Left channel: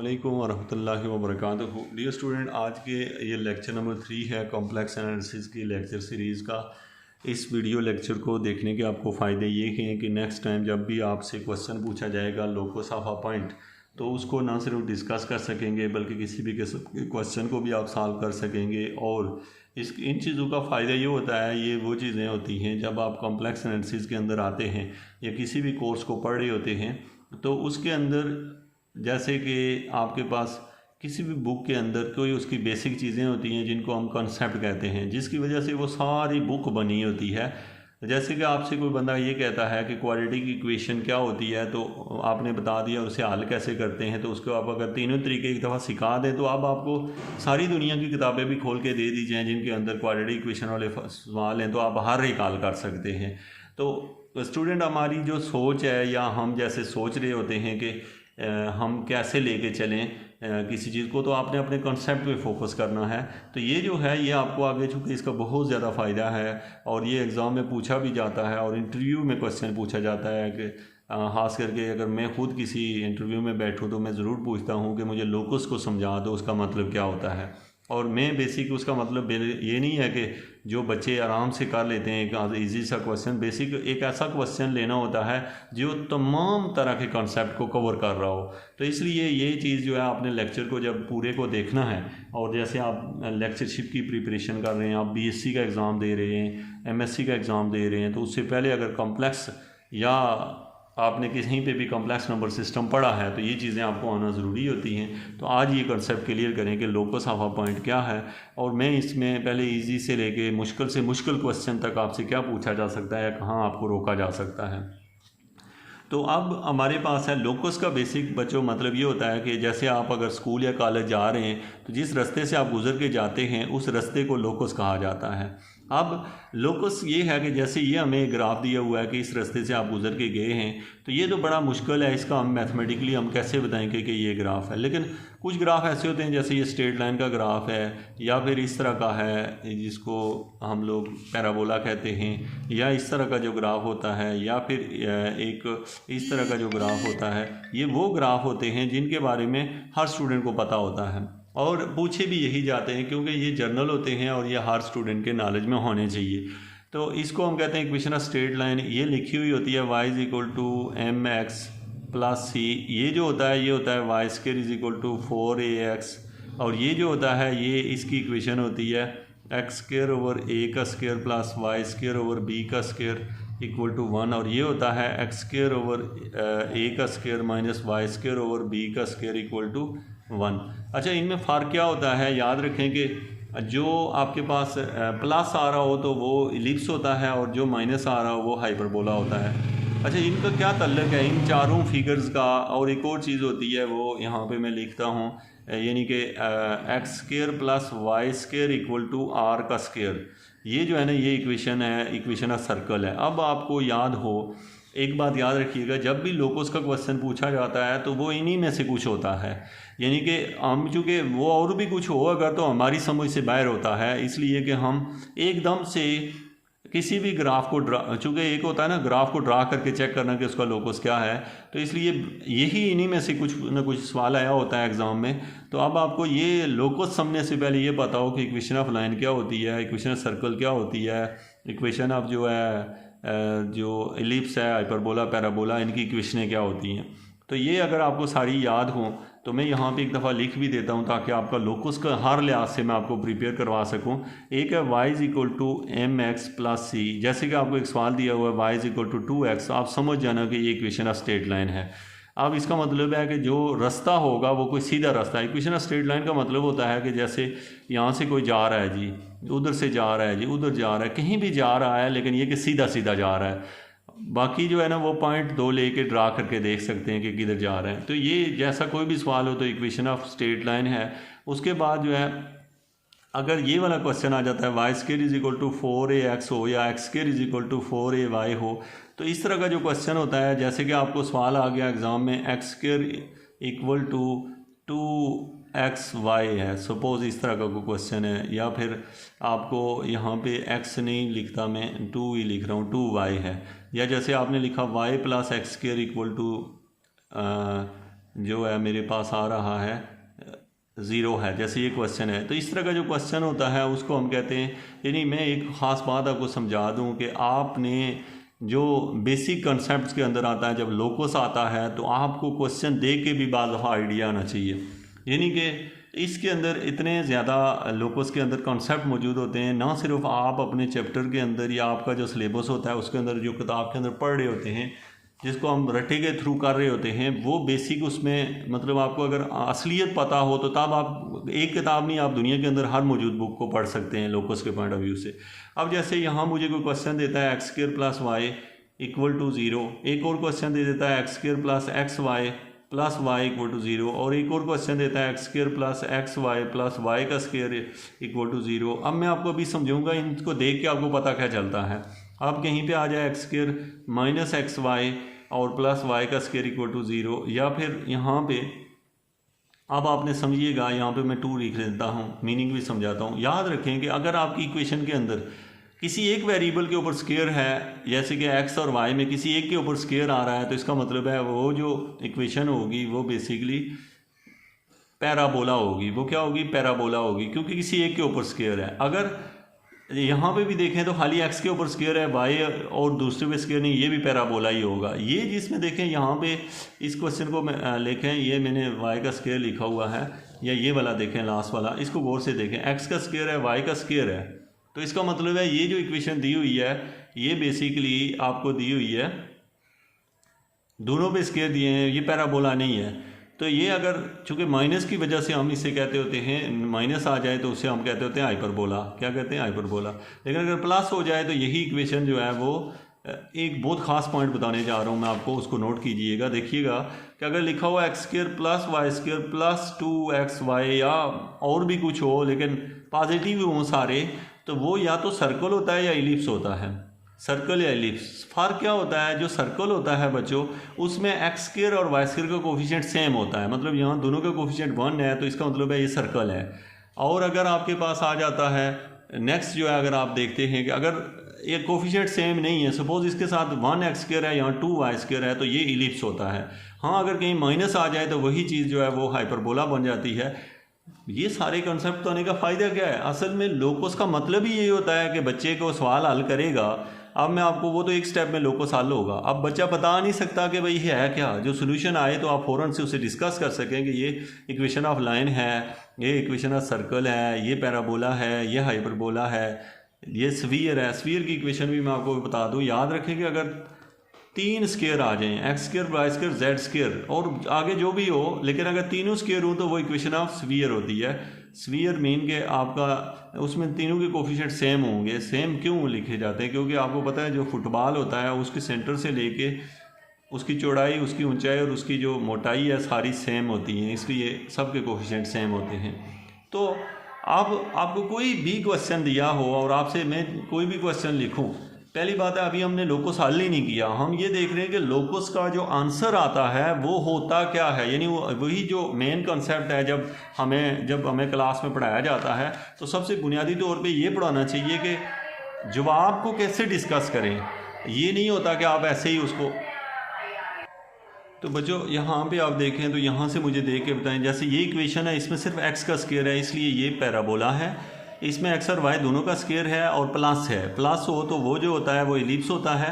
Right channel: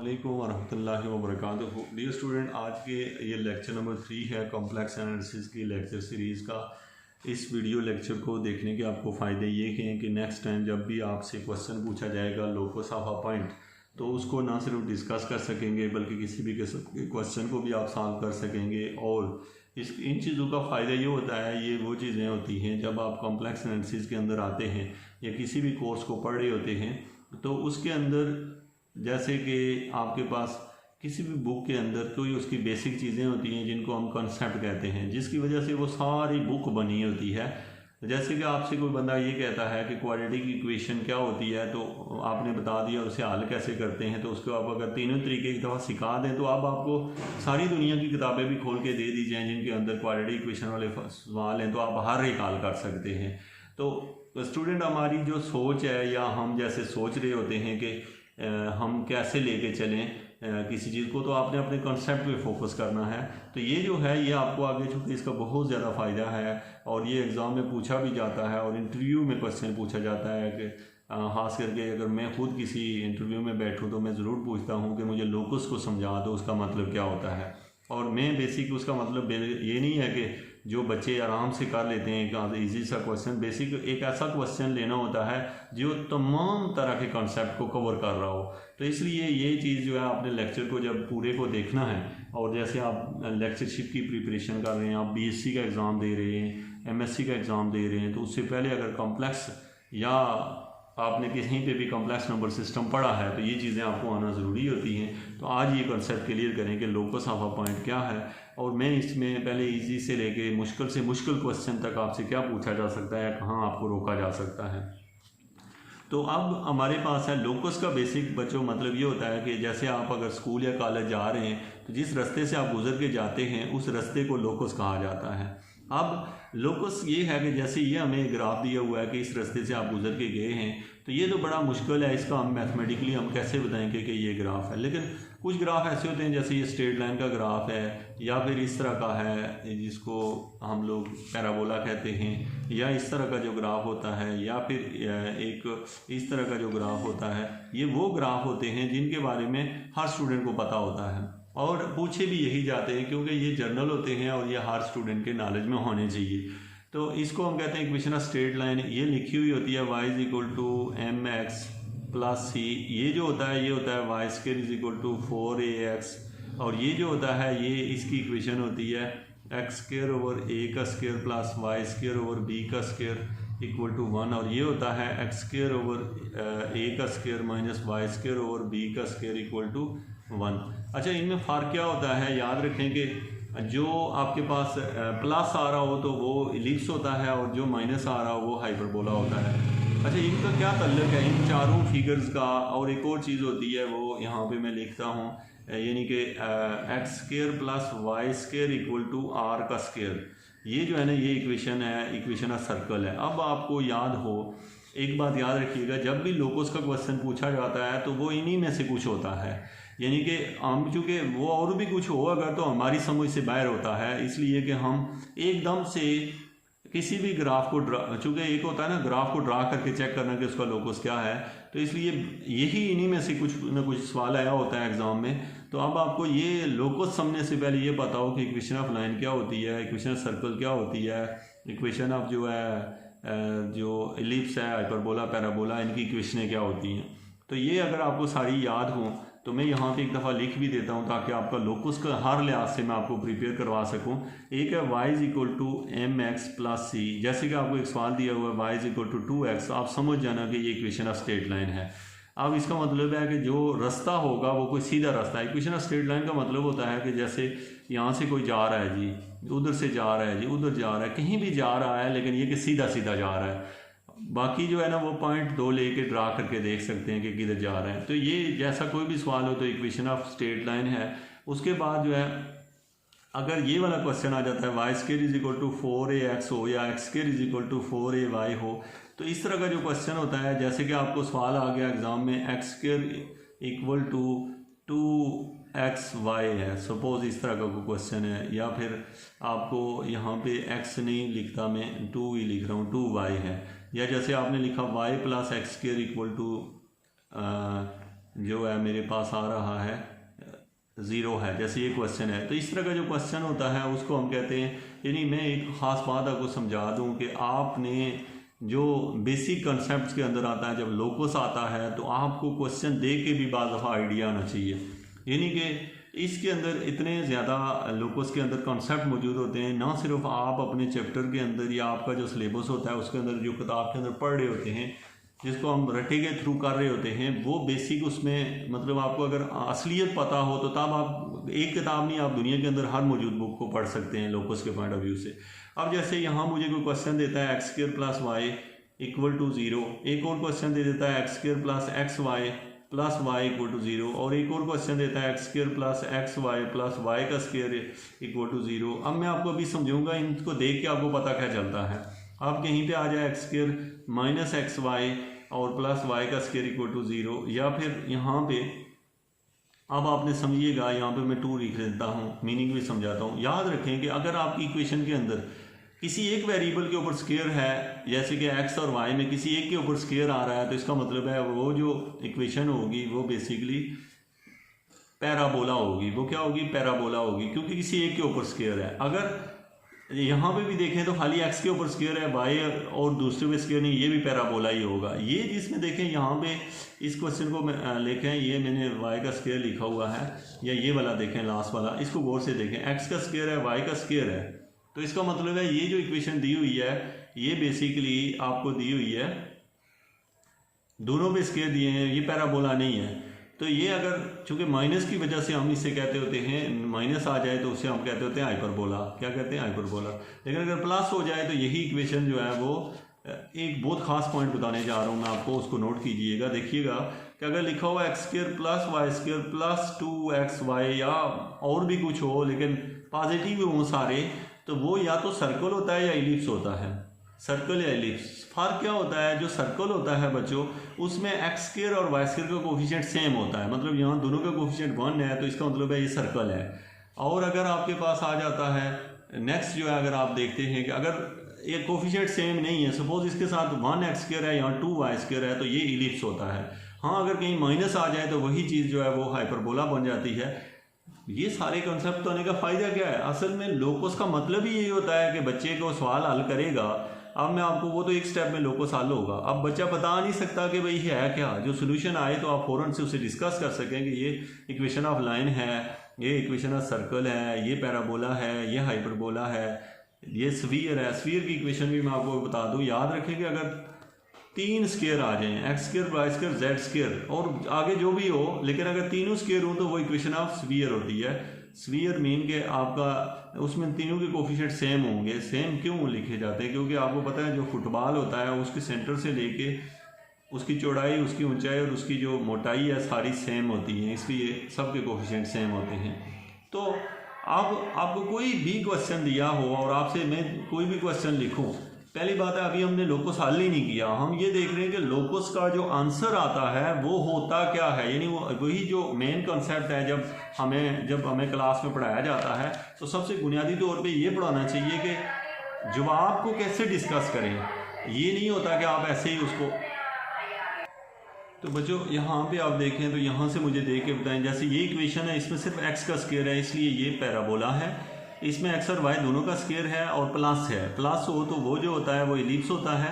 वालेकुम वरहमतुल्लाहि वबरकातुहू। Dear student, आज के ये लेक्चर नंबर 3 है कॉम्प्लेक्स एनालिसिस की लेक्चर सीरीज़ का। इस वीडियो लेक्चर को देखने के आपको फ़ायदे ये हैं कि नेक्स्ट टाइम जब भी आपसे क्वेश्चन पूछा जाएगा लोकस ऑफ अ पॉइंट, तो उसको ना सिर्फ डिस्कस कर सकेंगे बल्कि किसी भी किस्म के क्वेश्चन को भी आप सॉल्व कर सकेंगे। और इन चीज़ों का फ़ायदा ये होता है, ये वो चीज़ें होती हैं जब आप कॉम्प्लेक्स एनालिसिस के अंदर आते हैं या किसी भी कोर्स को पढ़ रहे होते हैं, तो उसके अंदर जैसे कि आपके पास किसी भी बुक के अंदर कोई उसकी बेसिक चीज़ें होती हैं जिनको हम कॉन्सेप्ट कहते हैं, जिसकी वजह से वो सारी बुक बनी होती है। जैसे कि आपसे कोई बंदा ये कहता है कि क्वाड्रेटिक इक्वेशन क्या होती है, तो आपने बता दिया उसे हल कैसे करते हैं, तो उसको आप अगर तीनों तरीके एक दफ़ा सिखा दें तो अब आपको सारी दुनिया की किताबें भी खोल के दे दी जाएँ जिनके अंदर क्वाड्रेटिक इक्वेशन वाले सवाल हैं, तो आप हर एक हल कर सकते हैं। तो स्टूडेंट, हमारी जो सोच है या हम जैसे सोच रहे होते हैं कि हम कैसे लेके चलें किसी चीज़ को, तो आपने अपने कॉन्सेप्ट पे फोकस करना है। तो ये जो है ये आपको आगे चूँकि इसका बहुत ज़्यादा फ़ायदा है और ये एग्ज़ाम में पूछा भी जाता है और इंटरव्यू में क्वेश्चन पूछा जाता है कि ख़ास करके अगर मैं खुद किसी इंटरव्यू में बैठूँ तो मैं ज़रूर पूछता हूँ कि मुझे लोकस को समझा दो, उसका मतलब क्या होता है। और मैं बेसिक उसका मतलब ये नहीं है कि जो बच्चे आराम से कर लेते हैं एक ईजी सा क्वेश्चन, बेसिक एक ऐसा क्वेश्चन लेना होता है जो तमाम तरह के कॉन्सेप्ट को कवर कर रहा हो। तो इसलिए ये चीज़ जो है आपने लेक्चर को जब पूरे को देखना है, और जैसे आप लेक्चरशिप की प्रिपरेशन कर रहे हैं, आप बीएससी का एग्ज़ाम दे रहे हैं, एमएससी का एग्ज़ाम दे रहे हैं, तो उससे पहले अगर कॉम्प्लेक्स या आपने कहीं पे भी कॉम्प्लेक्स नंबर सिस्टम पढ़ा है तो ये चीज़ें आपको आना ज़रूरी होती हैं। तो आज ये कॉन्सेप्ट क्लियर करें कि लोकस ऑफ अ पॉइंट क्या है, और मैं इसमें पहले इजी से लेके मुश्किल से मुश्किल क्वेश्चन तक आपसे क्या पूछा जा सकता है, कहाँ आपको रोका जा सकता है। तो अब हमारे पास है लोकस का बेसिक बच्चों मतलब ये होता है कि जैसे आप अगर स्कूल या कॉलेज जा रहे हैं तो जिस रास्ते से आप गुजर के जाते हैं उस रास्ते को लोकस कहा जाता है। अब लोकस ये है कि जैसे ये हमें ग्राफ दिया हुआ है कि इस रास्ते से आप गुजर के गए हैं, तो ये तो बड़ा मुश्किल है, इसका हम मैथमेटिकली हम कैसे बताएंगे कि ये ग्राफ है। लेकिन कुछ ग्राफ ऐसे होते हैं जैसे ये स्ट्रेट लाइन का ग्राफ है, या फिर इस तरह का है जिसको हम लोग पैराबोला कहते हैं, या इस तरह का जो ग्राफ होता है, या फिर एक इस तरह का जो ग्राफ होता है। ये वो ग्राफ होते हैं जिनके बारे में हर स्टूडेंट को पता होता है और पूछे भी यही जाते हैं क्योंकि ये जर्नल होते हैं और ये हर स्टूडेंट के नॉलेज में होने चाहिए। तो इसको हम कहते हैं इक्वेशन ऑफ स्ट्रेट लाइन। ये लिखी हुई होती है y is equal to M X plus C. ये जो होता है ये होता है Y square is equal to 4ax, और ये जो होता है ये इसकी इक्वेशन होती है एक्स स्क्र ओवर ए का square plus Y square over B का स्क्र इक्वल टू 1, और ये होता है एक्स स्क्र ओवर ए का square minus Y square over B का स्क्र इक्वल टू 1। अच्छा, इनमें फ़र्क क्या होता है, याद रखें कि जो आपके पास प्लस आ रहा हो तो वो इलिप्स होता है और जो माइनस आ रहा हो वो हाइपरबोला होता है। अच्छा, इनका क्या ताल्लुक है इन चारों फिगर्स का। और एक और चीज़ होती है वो यहाँ पे मैं लिखता हूँ, यानी कि X square plus Y square equal to R का स्क्र। ये जो है ना ये इक्वेशन है, इक्वेशन ऑफ सर्कल है। अब आपको याद हो, एक बात याद रखिएगा, जब भी लोकस का क्वेश्चन पूछा जाता है तो वो इन्हीं में से कुछ होता है, यानी कि हम चूँकि वो और भी कुछ हो अगर तो हमारी समझ से बाहर होता है, इसलिए कि हम एकदम से किसी भी ग्राफ को चूँकि एक होता है ना ग्राफ को ड्रा करके चेक करना कि उसका लोकस क्या है, तो इसलिए यही इन्हीं में से कुछ ना कुछ सवाल आया होता है एग्ज़ाम में। तो अब आपको ये लोकस समझने से पहले ये पता हो कि इक्वेशन ऑफ लाइन क्या होती है, इक्वेशन ऑफ सर्कल क्या होती है, इक्वेशन ऑफ जो है जो एलिप्स है, हाइपरबोला, पैराबोला, इनकी इक्वेशनें क्या होती हैं। तो ये अगर आपको सारी याद हो तो मैं यहाँ पे एक दफ़ा लिख भी देता हूँ ताकि आपका लोकस का हर लिहाज से मैं आपको प्रिपेयर करवा सकूँ। एक है y is equal to M X plus C. जैसे कि आपको एक सवाल दिया हुआ है y is equal to 2x, आप समझ जाना कि ये इक्वेशन ऑफ स्ट्रेट लाइन है। अब इसका मतलब है कि जो रास्ता होगा वो कोई सीधा रास्ता है। इक्वेशन ऑफ स्ट्रेट लाइन का मतलब होता है कि जैसे यहाँ से कोई जा रहा है जी, उधर से जा रहा है जी, उधर जा रहा है, कहीं भी जा रहा है, लेकिन ये कि सीधा सीधा जा रहा है। बाकी जो है ना वो पॉइंट 2 लेके ड्रा करके देख सकते हैं कि किधर जा रहे हैं। तो ये जैसा कोई भी सवाल हो तो इक्वेशन ऑफ स्ट्रेट लाइन है। उसके बाद जो है अगर ये वाला क्वेश्चन आ जाता है Y square is equal to 4ax हो या X square is equal to 4ay हो, तो इस तरह का जो क्वेश्चन होता है, जैसे कि आपको सवाल आ गया एग्ज़ाम में x square equal to 2xy है, सपोज़ इस तरह का कोई क्वेश्चन है, या फिर आपको यहाँ पे x नहीं लिखता मैं 2 ही लिख रहा हूँ, 2y है, या जैसे आपने लिखा y plus X square equal to जो है मेरे पास आ रहा है 0 है, जैसे ये क्वेश्चन है। तो इस तरह का जो क्वेश्चन होता है उसको हम कहते हैं, यानी मैं एक ख़ास बात आपको समझा दूं कि आपने जो बेसिक कंसेप्ट के अंदर आता है, जब लोकस आता है तो आपको क्वेश्चन देख के भी बाज़ दफ़ा आइडिया आना चाहिए। यानी कि इसके अंदर इतने ज़्यादा लोकस के अंदर कॉन्सेप्ट मौजूद होते हैं, ना सिर्फ आप अपने चैप्टर के अंदर या आपका जो सिलेबस होता है उसके अंदर जो किताब के अंदर पढ़ रहे होते हैं, जिसको हम रटे के थ्रू कर रहे होते हैं, वो बेसिक उसमें मतलब आपको अगर असलियत पता हो तो तब आप एक किताब नहीं, आप दुनिया के अंदर हर मौजूद बुक को पढ़ सकते हैं लोकस के पॉइंट ऑफ व्यू से। अब जैसे यहाँ मुझे कोई क्वेश्चन देता है x² + y = 0, एक और क्वेश्चन दे देता है x² + xy + y = 0, और एक और क्वेश्चन देता है x² + xy + y² = 0। अब मैं आपको अभी समझाऊंगा, इनको देख के आपको पता क्या चलता है। आप कहीं पे आ जाए x² - xy और + y² = 0, या फिर यहाँ पे अब आपने समझिएगा, यहाँ पे मैं 2 लिख देता हूँ, मीनिंग भी समझाता हूँ। याद रखें कि अगर आपकी इक्वेशन के अंदर किसी एक वेरिएबल के ऊपर स्केयर है, जैसे कि x और y में किसी एक के ऊपर स्केयर आ रहा है, तो इसका मतलब है वो जो इक्वेशन होगी वो बेसिकली पैराबोला होगी। वो क्या होगी? पैराबोला होगी, क्योंकि किसी एक के ऊपर स्केयर है। अगर यहाँ पे भी देखें तो खाली x के ऊपर स्केयर है, y और दूसरे पे स्केयर नहीं, ये भी पैराबोला ही होगा। ये जिसमें देखें यहाँ पे इस क्वेश्चन को लिखें, ये मैंने y का स्केयर लिखा हुआ है, या ये वाला देखें लास्ट वाला, इसको गौर से देखें, x का स्केयर है, y का स्केयर है। तो इसका मतलब है ये जो इक्वेशन दी हुई है ये बेसिकली आपको दी हुई है, दोनों पे स्केयर दिए हैं, ये पैराबोला नहीं है। तो ये अगर चूंकि माइनस की वजह से हम इसे कहते होते हैं, माइनस आ जाए तो उसे हम कहते होते हैं हाइपरबोला। क्या कहते हैं? हाइपरबोला। लेकिन अगर प्लस हो जाए तो यही इक्वेशन जो है वो, एक बहुत ख़ास पॉइंट बताने जा रहा हूँ मैं आपको, उसको नोट कीजिएगा। देखिएगा कि अगर लिखा हुआ x² + y² + 2xy या और भी कुछ हो, लेकिन पॉजिटिव हों सारे, तो वो या तो सर्कल होता है या इलिप्स होता है। सर्कल या इलिप्स, फ़र्क क्या होता है? जो सर्कल होता है बच्चों, उसमें x² और y² का कोफिशिएंट सेम होता है, मतलब यहाँ दोनों का कोफिशिएंट 1 है, तो इसका मतलब है ये सर्कल है। और अगर आपके पास आ जाता है नेक्स्ट जो है, अगर आप देखते हैं कि अगर ये कोफिशिएंट सेम नहीं है, सपोज इसके साथ 1x² है, यहाँ 2y² है, तो ये इलिप्स होता है। हाँ, अगर कहीं माइनस आ जाए तो वही चीज़ जो है वो हाइपरबोला बन जाती है। ये सारे कंसेप्ट होने का फ़ायदा क्या है? असल में लोकस का मतलब ही यही होता है कि बच्चे को सवाल हल करेगा। अब मैं आपको, वो तो एक स्टेप में लोकस हल होगा, अब बच्चा बता नहीं सकता कि भाई ये है क्या, जो सोल्यूशन आए तो आप फ़ौरन से उसे डिस्कस कर सकें कि ये इक्वेशन ऑफ लाइन है, ये इक्वेशन ऑफ सर्कल है, ये पैराबोला है, ये हाइपरबोला है, ये स्फीयर है। स्फीयर की इक्वेशन भी मैं आपको बता दूँ। याद रखें कि अगर 3 स्केयर आ जाएं, x² y² z² और आगे जो भी हो, लेकिन अगर तीनों स्केयर हो तो वो इक्वेशन ऑफ स्फीयर होती है। स्फीयर मीन के आपका उसमें तीनों के कोफिशिएंट सेम होंगे। सेम क्यों लिखे जाते हैं? क्योंकि आपको पता है जो फुटबॉल होता है उसके सेंटर से लेके उसकी चौड़ाई, उसकी ऊंचाई और उसकी जो मोटाई है सारी सेम होती हैं, इसलिए सबके कोफिशिएंट सेम होते हैं। तो अब आपको कोई भी क्वेश्चन दिया हो और आपसे मैं कोई भी क्वेश्चन लिखूं, पहली बात है अभी हमने लोकस हल ही नहीं किया, हम ये देख रहे हैं कि लोकस का जो आंसर आता है वो होता क्या है। यानी वही जो मेन कॉन्सेप्ट है, जब हमें क्लास में पढ़ाया जाता है तो सबसे बुनियादी तौर पे ये पढ़ाना चाहिए कि जवाब को कैसे डिस्कस करें। ये नहीं होता कि आप ऐसे ही उसको। तो बच्चों यहाँ पे आप देखें तो यहाँ से मुझे देख के बताएं, जैसे ये इक्वेशन है, इसमें सिर्फ x का स्केयर है, इसलिए ये पैराबोला है। इसमें x और y दोनों का स्केयर है और प्लस है। प्लस हो तो वो जो होता है वो इलिप्स होता है,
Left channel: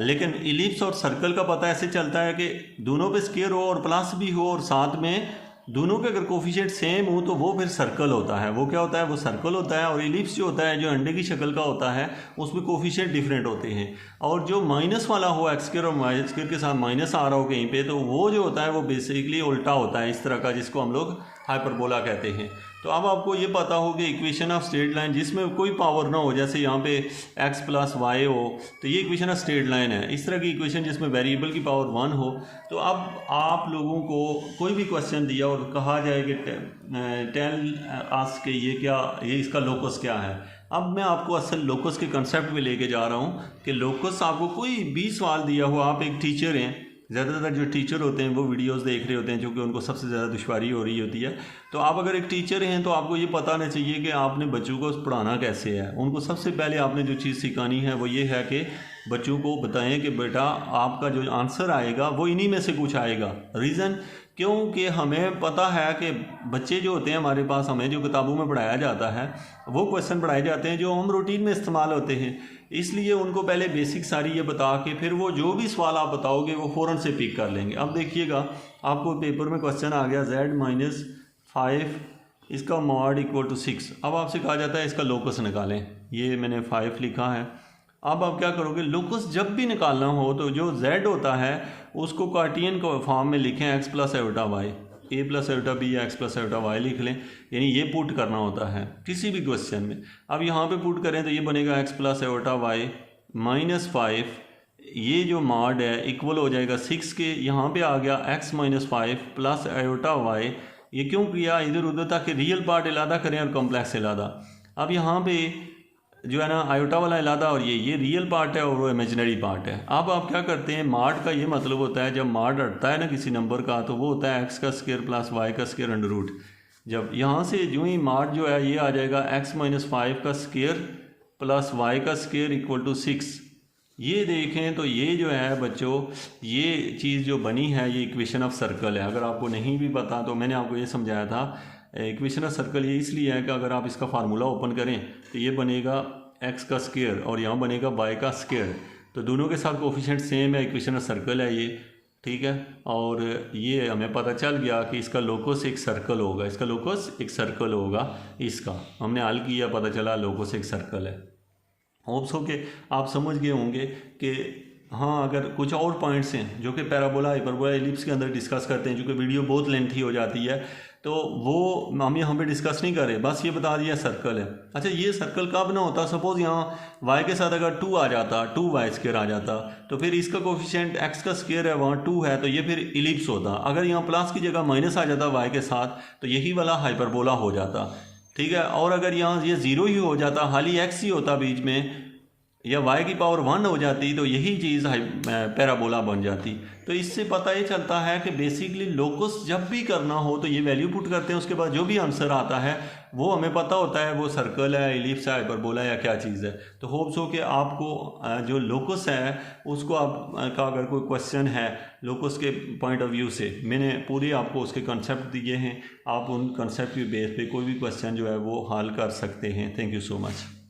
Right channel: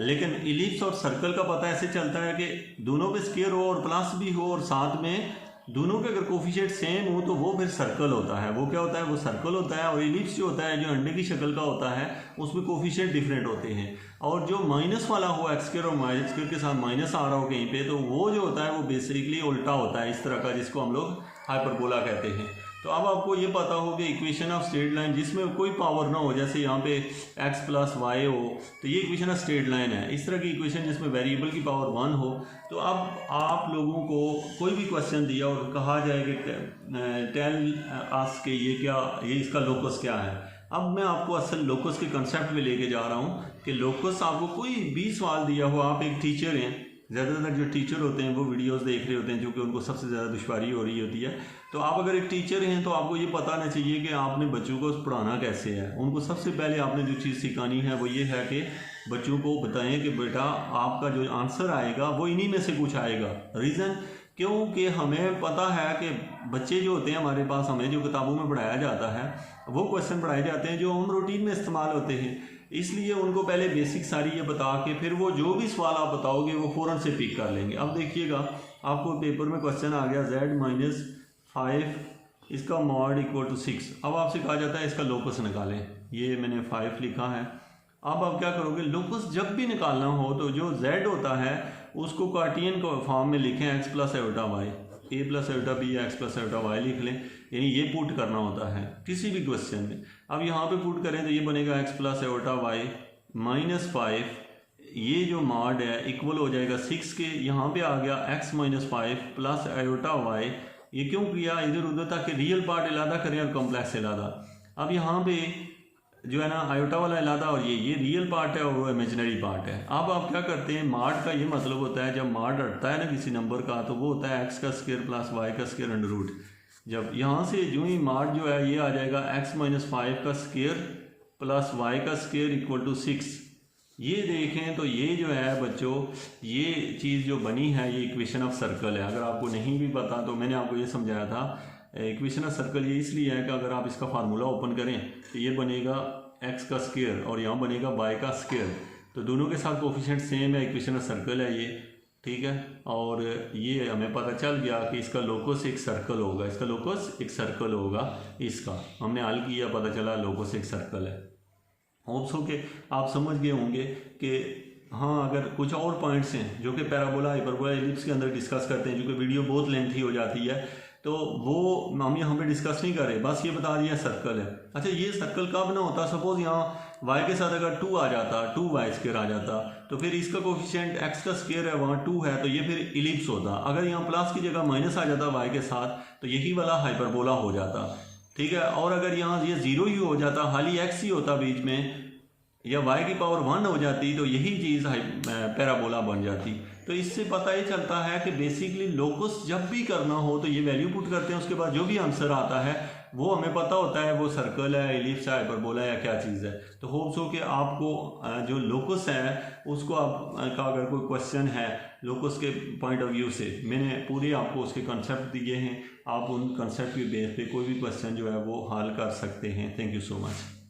लेकिन इलिप्स और सर्कल का पता ऐसे चलता है कि दोनों पे स्केयर हो और प्लस भी हो और साथ में दोनों के अगर कोफिशिएंट सेम हो तो वो फिर सर्कल होता है। वो क्या होता है? वो सर्कल होता है। और इलिप्स जो होता है, जो अंडे की शक्ल का होता है, उसमें कोफिशिएंट डिफरेंट होते हैं। और जो माइनस वाला हो, x² और y² के साथ माइनस आ रहा हो कहीं पे, तो वो जो होता है वो बेसिकली उल्टा होता है इस तरह का, जिसको हम लोग हाइपरबोला कहते हैं। तो अब आपको ये पता हो कि इक्वेशन ऑफ स्ट्रेट लाइन जिसमें कोई पावर ना हो, जैसे यहाँ पे x + y हो तो ये इक्वेशन ऑफ स्ट्रेट लाइन है। इस तरह की इक्वेशन जिसमें वेरिएबल की पावर 1 हो, तो अब आप लोगों को कोई भी क्वेश्चन दिया और कहा जाए कि टेल अस के ये इसका लोकस क्या है। अब मैं आपको असल लोकस के कंसेप्ट में लेके जा रहा हूँ कि लोकस आपको कोई भी सवाल दिया हो, आप एक टीचर हैं, ज़्यादातर जो टीचर होते हैं वो वीडियोस देख रहे होते हैं क्योंकि उनको सबसे ज़्यादा दुश्वारी हो रही होती है। तो आप अगर एक टीचर हैं तो आपको ये पता होना चाहिए कि आपने बच्चों को पढ़ाना कैसे है। उनको सबसे पहले आपने जो चीज़ सिखानी है वो ये है कि बच्चों को बताएं कि बेटा आपका जो आंसर आएगा वो इन्हीं में से कुछ आएगा। रीज़न क्योंकि हमें पता है कि बच्चे जो होते हैं हमारे पास, हमें जो किताबों में पढ़ाया जाता है वो क्वेश्चन पढ़ाए जाते हैं जो हम रूटीन में इस्तेमाल होते हैं, इसलिए उनको पहले बेसिक सारी ये बता के फिर वो जो भी सवाल आप बताओगे वो फ़ौरन से पिक कर लेंगे। अब देखिएगा आपको पेपर में क्वेश्चन आ गया z-5 इसका मॉड इक्वल टू 6। अब आपसे कहा जाता है इसका लोकस निकालें, ये मैंने 5 लिखा है। अब आप क्या करोगे, लोकस जब भी निकालना हो तो जो z होता है उसको कार्टियन को फॉर्म में लिखें x plus iota Y, a plus iota B X plus iota Y लिख लें, यानी ये पुट करना होता है किसी भी क्वेश्चन में। अब यहाँ पे पुट करें तो ये बनेगा x plus iota Y minus 5, ये जो मॉड है इक्वल हो जाएगा 6 के, यहाँ पे आ गया x minus 5 plus iota Y. ये क्यों किया इधर उधर, ताकि रियल पार्ट इलादा करें और कॉम्प्लेक्स इलादा। अब यहाँ पे जो है ना आयोटा वाला इलादा और ये रियल पार्ट है और वो इमेजिनरी पार्ट है। अब आप क्या करते हैं, मॉड का ये मतलब होता है जब मॉड हटता है ना किसी नंबर का तो वो होता है x का स्क्वायर प्लस y का स्क्वायर अंडर रूट। जब यहाँ से जो ही मॉड जो है ये आ जाएगा x माइनस 5 का स्क्वायर प्लस y का स्क्वायर इक्वल टू 6। ये देखें तो ये जो है बच्चों, ये चीज़ जो बनी है ये इक्वेशन ऑफ सर्कल है। अगर आपको नहीं भी पता तो मैंने आपको ये समझाया था, इक्वेशन ऑफ सर्कल ये इसलिए है कि अगर आप इसका फार्मूला ओपन करें तो ये बनेगा x का स्क्वायर और यहाँ बनेगा y का स्क्वायर, तो दोनों के साथ कोफिशिएंट सेम है, इक्वेशन ऑफ सर्कल है ये, ठीक है। और ये हमें पता चल गया कि इसका लोकस एक सर्कल होगा, इसका लोकस एक सर्कल होगा, इसका हमने हल किया, पता चला लोकस एक सर्कल है। होप्स हो के आप समझ गए होंगे कि हाँ, अगर कुछ और पॉइंट्स हैं जो कि पैराबोला हाइपरबोला एलिप्स के अंदर डिस्कस करते हैं, जो कि वीडियो बहुत लेंथी हो जाती है तो वो हम यहाँ पे डिस्कस नहीं कर रहे, बस ये बता दिया सर्कल है। अच्छा, ये सर्कल कब ना होता, सपोज यहाँ y के साथ अगर 2 आ जाता, 2y स्क्वायर आ जाता तो फिर इसका कोफिशिएंट x का स्क्वायर है वहाँ 2 है तो ये फिर इलिप्स होता। अगर यहाँ प्लस की जगह माइनस आ जाता y के साथ तो यही वाला हाइपरबोला हो जाता, ठीक है। और अगर यहाँ ये 0 ही हो जाता, खाली x ही होता बीच में, या y की पावर 1 हो जाती तो यही चीज़ पैराबोला बन जाती। तो इससे पता ये चलता है कि बेसिकली लोकस जब भी करना हो तो ये वैल्यू पुट करते हैं, उसके बाद जो भी आंसर आता है वो हमें पता होता है वो सर्कल है, एलिप्स है, हाइपरबोला या क्या चीज़ है। तो होप्स हो कि आपको जो लोकस है उसको आप का अगर कोई क्वेश्चन है लोकस के पॉइंट ऑफ व्यू से, मैंने पूरे आपको उसके कंसेप्ट दिए हैं, आप उन कंसेप्ट के बेस पे कोई भी क्वेश्चन जो है वो हल कर सकते हैं। Thank you so much.